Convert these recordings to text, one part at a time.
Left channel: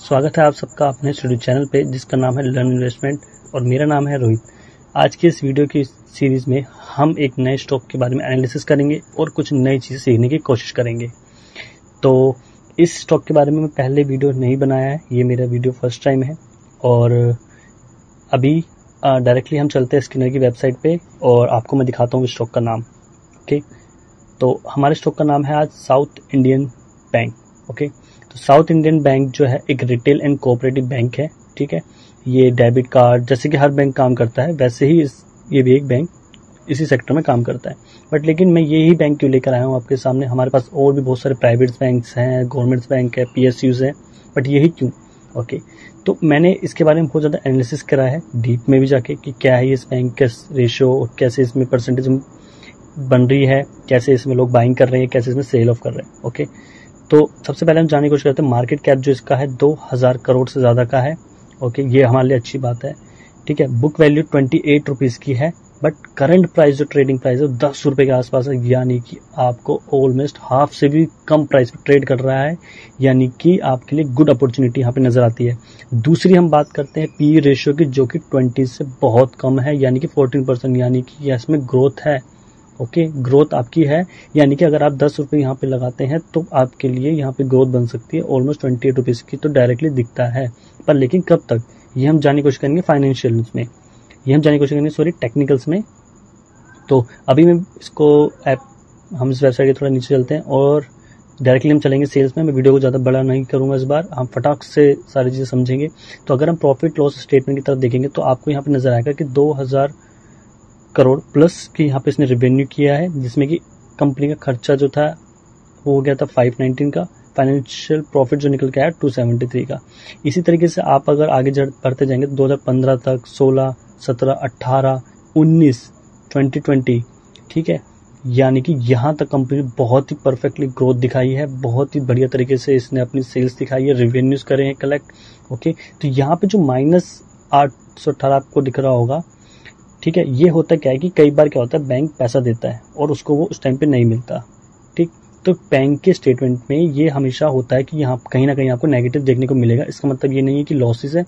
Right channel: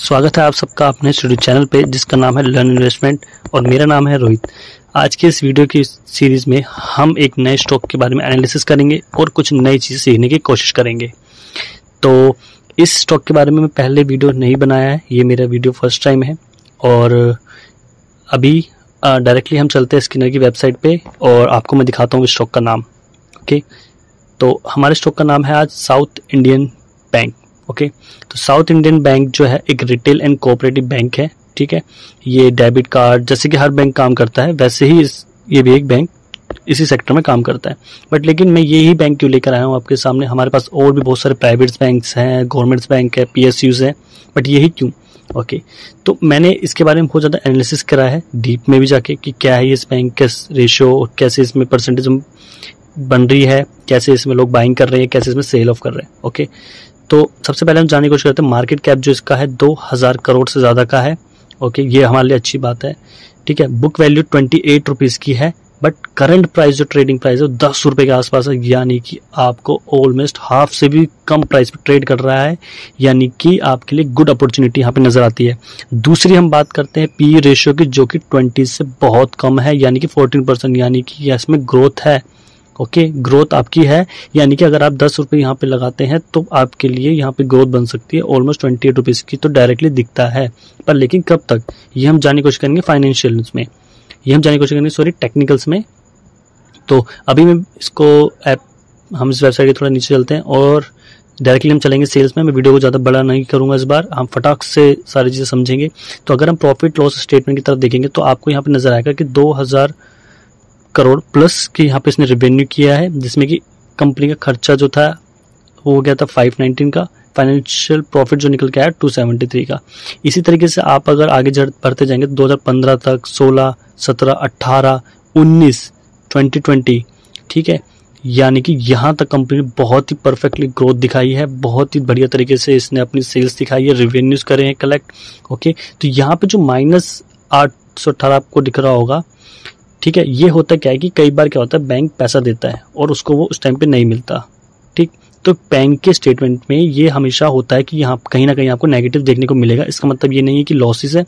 स्वागत है आप सबका अपने यूट्यूब चैनल पे जिसका नाम है लर्न इन्वेस्टमेंट और मेरा नाम है रोहित। आज के इस वीडियो की सीरीज़ में हम एक नए स्टॉक के बारे में एनालिसिस करेंगे और कुछ नई चीज़ें सीखने की कोशिश करेंगे। तो इस स्टॉक के बारे में मैं पहले वीडियो नहीं बनाया है, ये मेरा वीडियो फर्स्ट टाइम है। और अभी डायरेक्टली हम चलते हैं स्किनर की वेबसाइट पे और आपको मैं दिखाता हूँ स्टॉक का नाम। ओके, तो हमारे स्टॉक का नाम है आज साउथ इंडियन बैंक। ओके, तो साउथ इंडियन बैंक जो है एक रिटेल एंड कोऑपरेटिव बैंक है। ठीक है, ये डेबिट कार्ड जैसे कि हर बैंक काम करता है वैसे ही ये भी एक बैंक इसी सेक्टर में काम करता है। बट लेकिन मैं यही बैंक क्यों लेकर आया हूँ आपके सामने, हमारे पास और भी बहुत सारे प्राइवेट बैंक्स हैं, गवर्नमेंट्स बैंक है, PSUs है, बट यही क्यों। ओके, तो मैंने इसके बारे में बहुत ज़्यादा एनालिसिस करा है डीप में भी जाके कि क्या है इस बैंक का रेशियो और कैसे इसमें परसेंटेज बन रही है, कैसे इसमें लोग बाइंग कर रहे हैं, कैसे इसमें सेल ऑफ कर रहे हैं। ओके, तो सबसे पहले हम जानने की कोशिश करते हैं मार्केट कैप जो इसका है 2000 करोड़ से ज़्यादा का है। ओके, ये हमारे लिए अच्छी बात है। ठीक है, बुक वैल्यू 28 रुपीज़ की है, बट करंट प्राइस जो ट्रेडिंग प्राइस है वो 10 रुपये के आसपास है, यानी कि आपको ऑलमोस्ट हाफ से भी कम प्राइस पे ट्रेड कर रहा है, यानी कि आपके लिए गुड अपॉर्चुनिटी यहाँ पे नज़र आती है। दूसरी हम बात करते हैं PE रेशियो की जो कि 20 से बहुत कम है, यानी कि 14%, यानी कि इसमें ग्रोथ है। ओके, ग्रोथ आपकी है, यानी कि अगर आप 10 रुपये यहाँ पे लगाते हैं तो आपके लिए यहाँ पे ग्रोथ बन सकती है ऑलमोस्ट 28 रुपीज़ की, तो डायरेक्टली दिखता है। पर लेकिन कब तक, ये हम जानने की कोशिश करेंगे फाइनेंशियल्स में, ये हम जानने की कोशिश करेंगे टेक्निकल्स में। तो अभी मैं इसको हम इस वेबसाइट के थोड़ा नीचे चलते हैं और डायरेक्टली हम चलेंगे सेल्स में। मैं वीडियो को ज़्यादा बड़ा नहीं करूँगा इस बार, हम फटाक से सारी चीज़ें समझेंगे। तो अगर हम प्रॉफिट लॉस स्टेटमेंट की तरफ देखेंगे तो आपको यहाँ पे नजर आएगा कि 2000 करोड़ प्लस की यहाँ पे इसने रेवेन्यू किया है, जिसमें कि कंपनी का खर्चा जो था वो हो गया था 519 का, फाइनेंशियल प्रॉफिट जो निकल के आया 273 का। इसी तरीके से आप अगर आगे बढ़ते जाएंगे तो 2015 तक 16, 17, 18, 19, 2020, ठीक है, यानी कि यहाँ तक कंपनी ने बहुत ही परफेक्टली ग्रोथ दिखाई है, बहुत ही बढ़िया तरीके से इसने अपनी सेल्स दिखाई है, रेवेन्यूज करे हैं कलेक्ट। ओके, तो यहाँ पे जो -818 आपको दिख रहा होगा, ठीक है, ये होता क्या है कि कई बार क्या होता है बैंक पैसा देता है और उसको वो उस टाइम पे नहीं मिलता। ठीक, तो बैंक के स्टेटमेंट में ये हमेशा होता है कि यहाँ कहीं ना कहीं आपको नेगेटिव देखने को मिलेगा। इसका मतलब ये नहीं है कि लॉसेस है,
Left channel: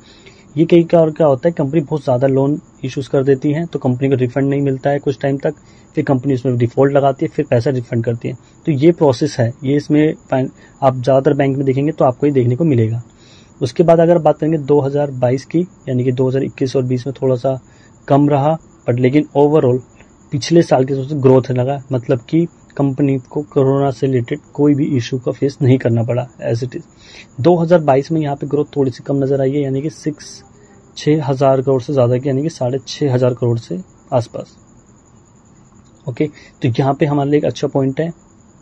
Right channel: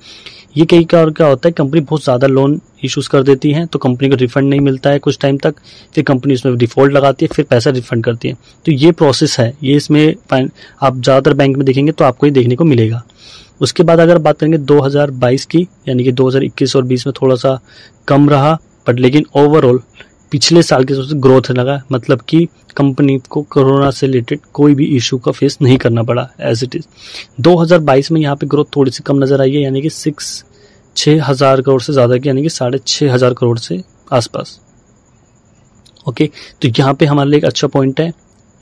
ये कई का और क्या होता है कंपनी बहुत ज़्यादा लोन इश्यूज कर देती है तो कंपनी को रिफंड नहीं मिलता है कुछ टाइम तक, फिर कंपनी इसमें डिफॉल्ट लगाती है, फिर पैसा रिफंड करती है। तो ये प्रोसेस है, ये इसमें आप ज़्यादातर बैंक में देखेंगे तो आपको ये देखने को मिलेगा। उसके बाद अगर बात करेंगे 2022 की, यानी कि 2021 और 20 में थोड़ा सा कम रहा, बट लेकिन ओवरऑल पिछले साल के सबसे ग्रोथ लगा, मतलब कि कंपनी को कोरोना से रिलेटेड कोई भी इशू का फेस नहीं करना पड़ा एज इट इज़। 2022 में यहाँ पे ग्रोथ थोड़ी सी कम नज़र आई है, यानी कि 6,000 करोड़ से ज़्यादा की, यानी कि 6,500 करोड़ से आसपास। ओके, तो यहाँ पे हमारे लिए एक अच्छा पॉइंट है।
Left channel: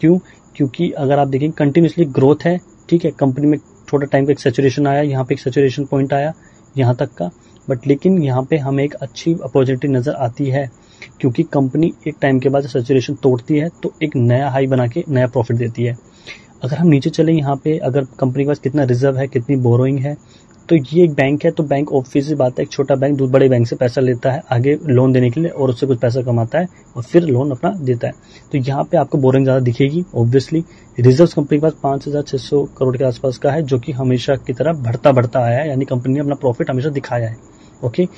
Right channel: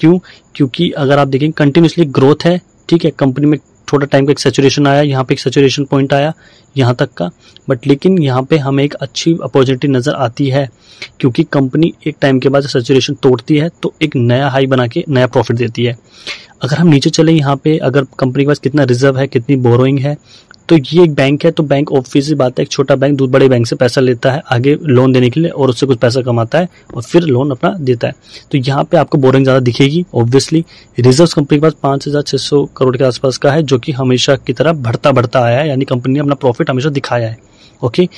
क्यों? क्योंकि अगर आप देखें कंटिन्यूसली ग्रोथ है। ठीक है, कंपनी में थोड़ा टाइम का एक सैचुरेशन आया, यहाँ पे एक सैचुरेशन पॉइंट आया यहाँ तक का, बट लेकिन यहाँ पे हमें एक अच्छी अपॉर्चुनिटी नज़र आती है क्योंकि कंपनी एक टाइम के बाद सैचुरेशन तोड़ती है तो एक नया हाई बना के नया प्रॉफिट देती है। अगर हम नीचे चले यहाँ पे, अगर कंपनी के पास कितना रिजर्व है, कितनी बोरोइंग है, तो ये एक बैंक है, तो बैंक ऑब्वियसली बात है, एक छोटा बैंक दूसरे बड़े बैंक से पैसा लेता है आगे लोन देने के लिए और उससे कुछ पैसा कमाता है और फिर लोन अपना देता है। तो यहाँ पे आपको बोरिंग ज़्यादा दिखेगी। ऑब्वियसली रिजर्व्स कंपनी के पास 5,600 करोड़ के आसपास का है, जो कि हमेशा की तरह बढ़ता आया है, यानी कंपनी ने अपना प्रॉफिट हमेशा दिखाया है। ओके,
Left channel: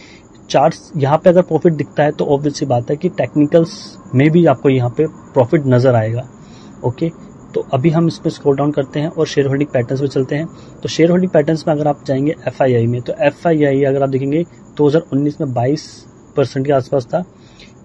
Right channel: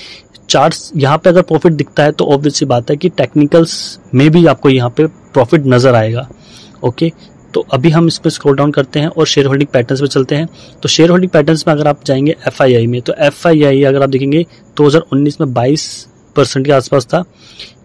चार्ट्स यहाँ पे अगर प्रॉफिट दिखता है तो ऑब्वियसली बात है कि टेक्निकल्स में भी आपको यहाँ पे प्रॉफिट नज़र आएगा। ओके, तो अभी हम इस पर स्क्रॉल डाउन करते हैं और शेयर होल्डिंग पैटर्न्स पे चलते हैं। तो शेयर होल्डिंग पैटर्न्स में अगर आप जाएंगे FII में, तो FII अगर आप देखेंगे 2019 में 22% के आसपास था,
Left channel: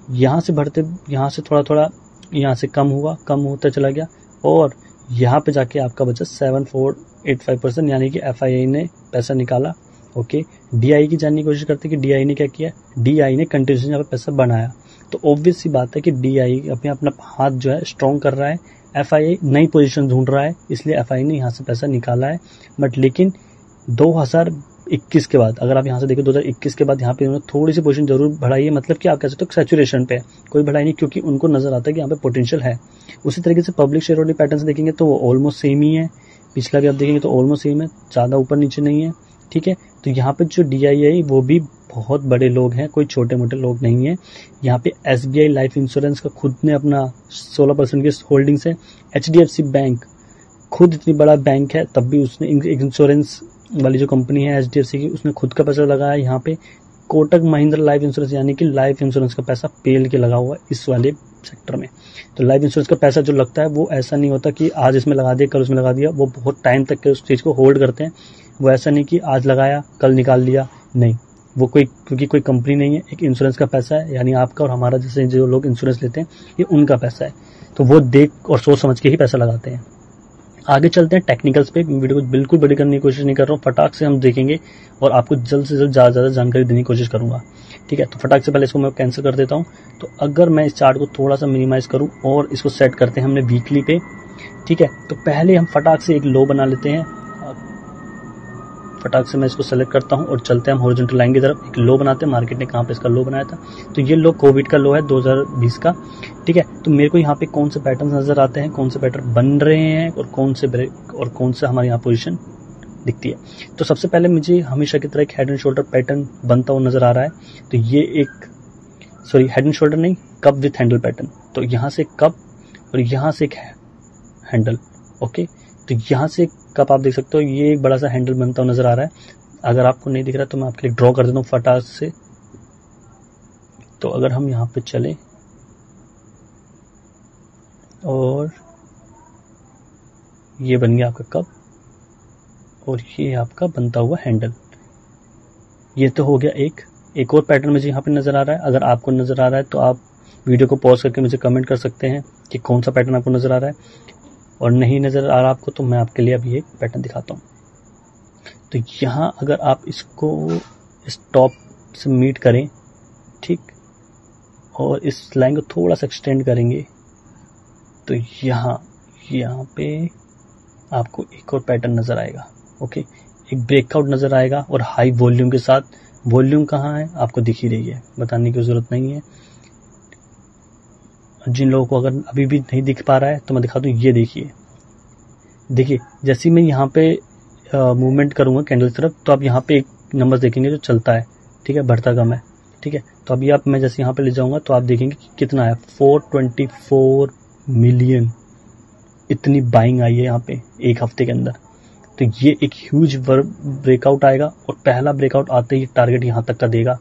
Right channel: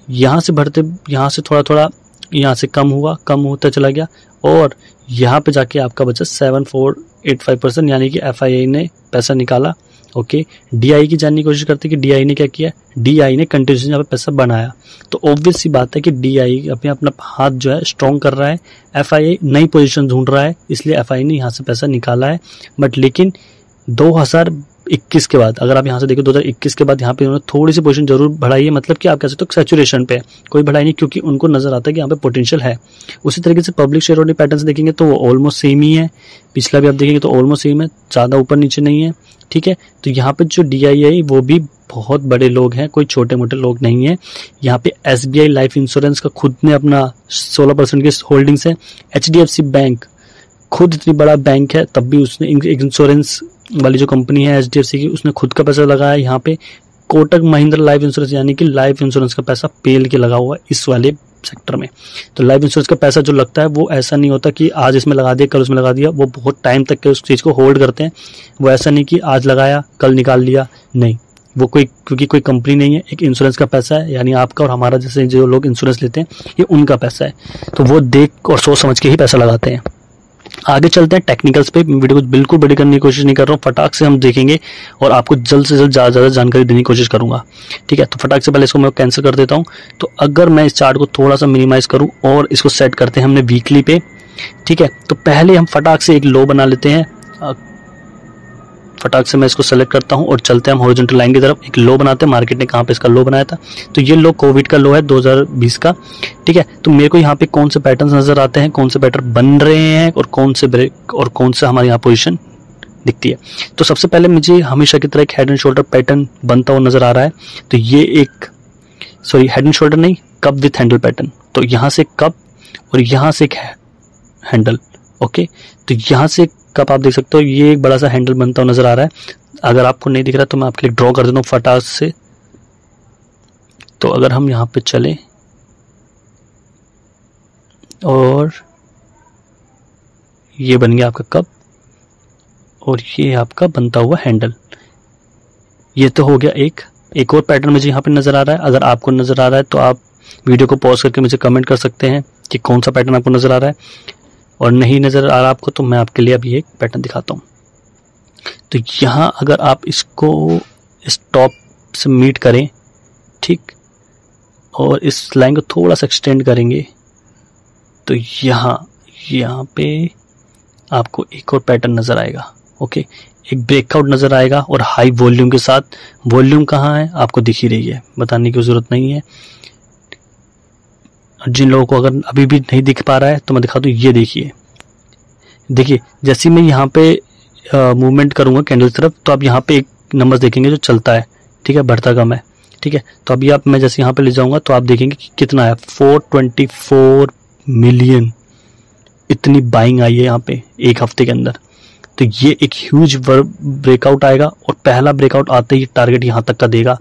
यहाँ से बढ़ते, यहाँ से थोड़ा यहाँ से कम होता चला गया और यहाँ पे जाके आपका बचा 7485%, यानी कि FII ने पैसा निकाला। ओके, DI की जानने की कोशिश करते हैं कि DI ने क्या किया, DI ने कंटिन्यूसली यहाँ पे पैसा बनाया। तो ऑब्वियस सी बात है कि DI अपना हाथ जो है स्ट्रॉन्ग कर रहा है, FII नई पोजीशन ढूंढ रहा है, इसलिए FII ने यहाँ से पैसा निकाला है। बट लेकिन 2021 के बाद अगर आप यहाँ से देखो 2021 के बाद यहाँ पे उन्होंने थोड़ी सी पोजीशन जरूर बढ़ाई है, मतलब कि आप कह सकते हो सैचुरेशन पे, कोई बढ़ाई नहीं क्योंकि उनको नजर आता है कि यहाँ पे पोटेंशियल है। उसी तरीके से पब्लिक शेयर होल्डिंग पैटर्न्स देखेंगे तो वो ऑलमोस्ट सेम ही है, पिछला भी आप देखेंगे तो ऑलमोस्ट सेम है, ज़्यादा ऊपर नीचे नहीं है। ठीक है, तो यहाँ पे जो DII वो भी बहुत बड़े लोग हैं, कोई छोटे मोटे लोग नहीं है। यहाँ पे SBI लाइफ इंश्योरेंस का खुद ने अपना 16% की होल्डिंग्स है। HDFC बैंक खुद इतनी बड़ा बैंक है तब भी उसने इंश्योरेंस वाली जो कंपनी है HDFC की, उसने खुद का पैसा लगाया यहाँ पे। कोटक महिंद्रा लाइफ इंश्योरेंस यानी कि लाइफ इंश्योरेंस का पैसा पेल के लगा हुआ है इस वाले सेक्टर में। तो लाइफ इंश्योरेंस का पैसा जो लगता है वो ऐसा नहीं होता कि आज इसमें लगा दिया कल उसमें लगा दिया, वो बहुत टाइम तक के उस चीज़ को होल्ड करते हैं। वो ऐसा नहीं कि आज लगाया कल निकाल लिया, नहीं, वो क्योंकि कोई कंपनी नहीं है, एक इंश्योरेंस का पैसा है, यानी आपका और हमारा जैसे जो लोग इंश्योरेंस लेते हैं ये उनका पैसा है। तो वो देख और सोच समझ के ही पैसा लगाते हैं। आगे चलते हैं टेक्निकल्स पे। वीडियो को बिल्कुल बड़ी करने की कोशिश नहीं कर रहा हूँ, फटाक से हम देखेंगे और आपको जल्द से जल्द ज़्यादा जानकारी देने की कोशिश करूँगा, ठीक है। तो फटाक से पहले इसको मैं कैंसिल कर देता हूँ। तो अगर मैं इस चार्ट को थोड़ा सा मिनिमाइज करूँ और इसको सेट करते हैं हमने वीकली पे, ठीक है। तो पहले हम फटाक से एक लो बना लेते हैं। फटाक से मैं इसको सेलेक्ट करता हूं और चलते हैं हम हॉरिजॉन्टल लाइन की तरफ। एक लो बनाते हैं, मार्केट ने कहाँ पे इसका लो बनाया था, तो ये लो कोविड का लो है 2020 का, ठीक है। तो मेरे को यहाँ पे कौन से पैटर्न्स नजर आते हैं, कौन से पैटर्न बन रहे हैं और कौन से ब्रेक और कौन से हमारे यहाँ पोजीशन दिखती है। तो सबसे पहले मुझे हमेशा की तरह एक हेड एंड शोल्डर पैटर्न बनता हुआ नजर आ रहा है। तो ये एक हेड एंड शोल्डर नहीं, कप विथ हैंडल पैटर्न। तो यहाँ से कप और यहाँ से एक हैंडल, ओके। तो यहाँ से कप आप देख सकते हो, ये एक बड़ा सा हैंडल बनता हुआ नजर आ रहा है। अगर आपको नहीं दिख रहा तो मैं आपके लिए ड्रॉ कर देता हूँ फटाक से। तो अगर हम यहाँ पे चले और ये बन गया आपका कप और ये आपका बनता हुआ हैंडल। ये तो हो गया एक और पैटर्न मुझे यहाँ पे नजर आ रहा है। अगर आपको नजर आ रहा है तो आप वीडियो को पॉज करके मुझे कमेंट कर सकते हैं कि कौन सा पैटर्न आपको नजर आ रहा है, और नहीं नजर आ रहा आपको तो मैं आपके लिए अभी एक पैटर्न दिखाता हूँ। तो यहाँ अगर आप इसको इस टॉप से मीट करें, ठीक, और इस लाइन को थोड़ा सा एक्सटेंड करेंगे तो यहाँ पे आपको एक और पैटर्न नजर आएगा, ओके। एक ब्रेकआउट नजर आएगा और हाई वॉल्यूम के साथ। वॉल्यूम कहाँ है आपको दिख ही रही है, बताने की जरूरत नहीं है। जिन लोगों को अगर अभी भी नहीं दिख पा रहा है तो मैं दिखा दूँ, ये देखिए जैसे मैं यहाँ पे मूवमेंट करूँगा कैंडल की तरफ, तो आप यहाँ पे एक नंबर देखेंगे जो चलता है, ठीक है, बढ़ता कम है, ठीक है। तो अभी मैं जैसे यहाँ पे ले जाऊँगा तो आप देखेंगे कि कितना है, 424 मिलियन, इतनी बाइंग आई है यहाँ पे एक हफ्ते के अंदर। तो ये एक ह्यूज ब्रेकआउट आएगा और पहला ब्रेकआउट आते ही टारगेट यहाँ तक का देगा।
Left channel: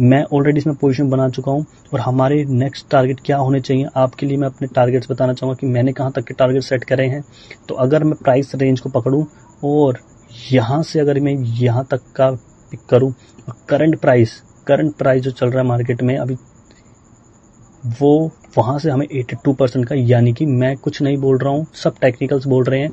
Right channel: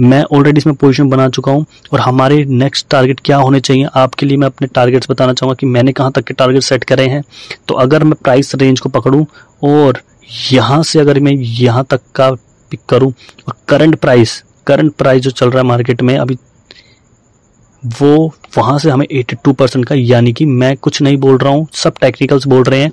मैं ऑलरेडी इसमें पोजीशन बना चुका हूँ और हमारे नेक्स्ट टारगेट क्या होने चाहिए आपके लिए मैं अपने टारगेट्स बताना चाहूँगा कि मैंने कहाँ तक के टारगेट सेट करे हैं। तो अगर मैं प्राइस रेंज को पकड़ूँ और यहाँ से अगर मैं यहाँ तक का पिक करूँ और करंट प्राइस जो चल रहा है मार्केट में अभी, वो वहाँ से हमें 82% का, यानी कि मैं कुछ नहीं बोल रहा हूँ, सब टेक्निकल्स बोल रहे हैं।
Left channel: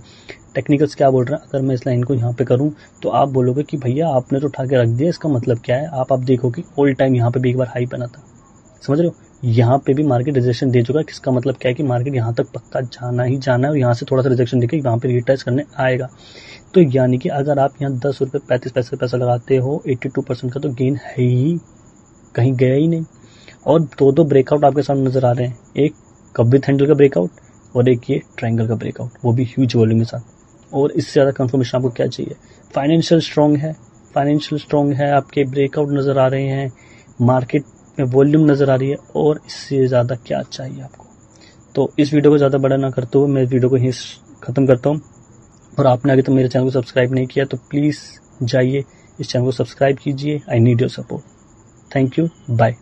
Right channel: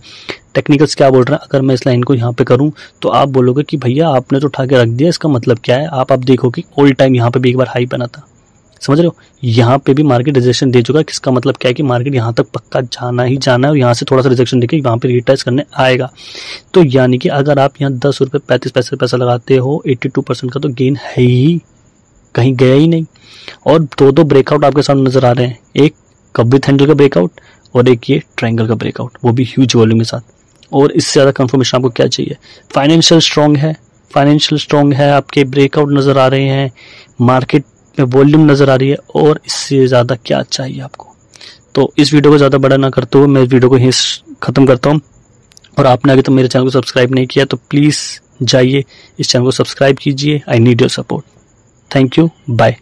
टेक्निकल्स क्या बोल रहे हैं, अगर मैं इस लाइन को यहाँ पे करूँ तो आप बोलोगे कि भैया आपने तो उठा के रख दिया, इसका मतलब क्या है। आप देखो कि ऑल टाइम यहाँ पे भी एक बार हाई बना था, समझ रहे हो, यहाँ पे भी मार्केट रिजेक्शन दे चुका है। किसका मतलब क्या है कि मार्केट यहाँ तक पक्का जाना ही जाना है और यहाँ से थोड़ा सा रिजेक्शन देके वहाँ पे रिटेस्ट करने आएगा। तो यानी कि अगर आप यहाँ 10 रुपये 35 पैसे पैसा लगाते हो, 82% का तो गेन है ही, कहीं गया ही नहीं। और दो ब्रेकआउट आपके सामने नजर आ रहे हैं, एक कप विथ हैंडल का ब्रेकआउट और एक ये ट्रायंगल का ब्रेकआउट, वो भी ह्यूज वॉल्यूम के साथ। और इससे ज़्यादा कंफर्मेशन आपको क्या चाहिए। फाइनेंशियल स्ट्रॉन्ग है, आपके ब्रेकआउट नज़र आ रहे हैं, मार्केट में वॉल्यूम नज़र आ रही है, और इससे ज़्यादा क्या चाहिए आपको। तो इस वीडियो को ज़्यादा बड़ा ना करते हुए मैं इस वीडियो को यहीं ख़त्म करता हूँ। और आपने अगर तो मेरे चैनल को सब्सक्राइब नहीं किया तो प्लीज़ जाइए इस चैनल को सब्सक्राइब कीजिए। I need your support. Thank you, bye.